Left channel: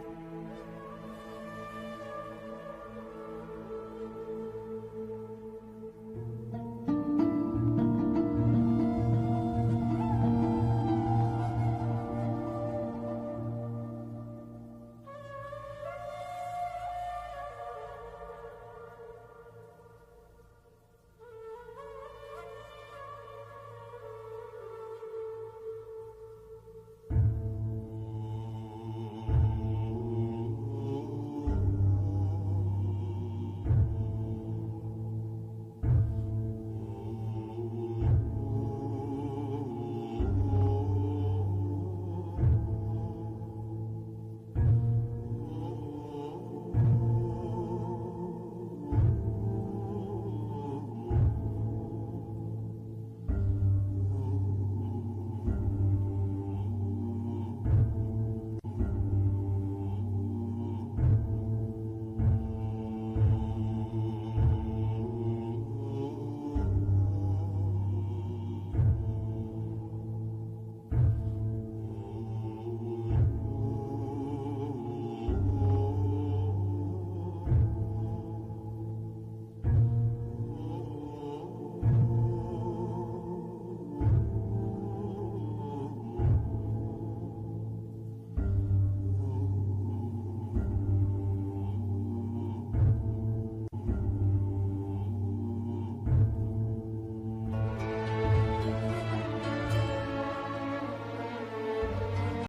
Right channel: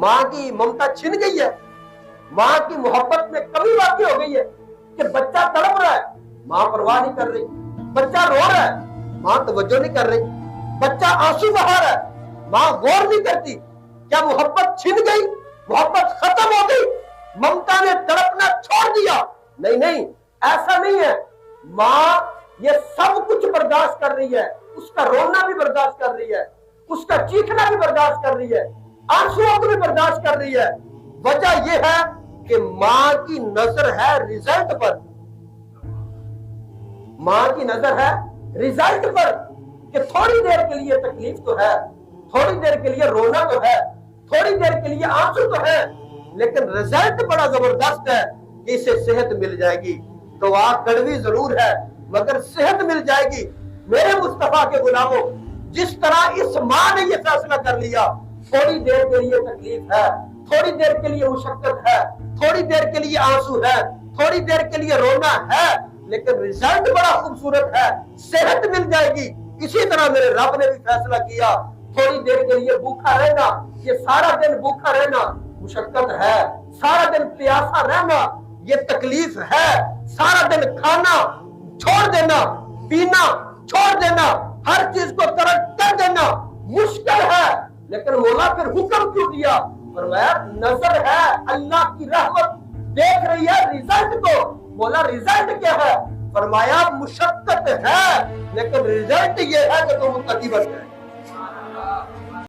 माँ की ममता छिन गई है, माँ की मोहब्बत में कमी वाकई हो गई है कि बच्चा तड़प रहा है, माँ परवाह नहीं कर रही, बच्चा रो रहा है, माँ तवज्जो नहीं कर रही, बच्चा आंसू बहा रहा है, माँ गौर नहीं करती। क्या मोहब्बत छिन गई, मोहब्बत खत्म हो गई, ममता ने तड़पना छोड़ दिया? नहीं नहीं, ऐसा नहीं है। माँ ये सब कुछ बर्दाश्त कर रही है, उसका रोना भी बर्दाश्त कर रही है, उसका चीखना भी बर्दाश्त कर रही है, आंसुओं को भी बर्दाश्त कर रही है। वजह यह है कि माँ की नजर है रिजल्ट पर, माँ की नजर है रिजल्ट पर, कि थोड़ी देर के लिए तकलीफ तो है, थोड़ी देर के लिए रोना तो है, थोड़ी देर के लिए आंसू तो है, लेकिन रिजल्ट बड़ा जबरदस्त है कि इसे सेहत मिल जाएगी। तो आप कड़वी जरूर है मगर सेहत मिल जाएगी। मेरे मुस्तफा के गुलामों, जिस तरह इस माँ ने यह फैसला कर लिया, थोड़ी देर के लिए तकलीफ है, थोड़ी देर के लिए मुशक्कत है, थोड़ी देर के लिए आंसू है, थोड़ी देर के लिए रोना है, लेकिन रिजल्ट बड़ा खूबसूरत है, सेहत मिल जाएगी। इसी तरह मेरे रब ने भी फैसला किया, थोड़ी देर के लिए भूखा रहना, ये सारा दिन भूखा रहना मुशक्कत है, सारा दिन प्यासा रहना ये तकलीफ है, सारा दिन खाना छोड़ देना, पीना छोड़ देना, हर चीज को तरक कर देना मुश्किल है। लेकिन मौला फिर हुक्म क्यों दिया? फरमाया नजर है, अल्लाह की रहमत देख रही है रिजल्ट को। बोला रिजल्ट क्या है? फरमाया मुशक्कत है, लेकिन रिजल्ट ये है कि तुम मुत्तकी बन गए।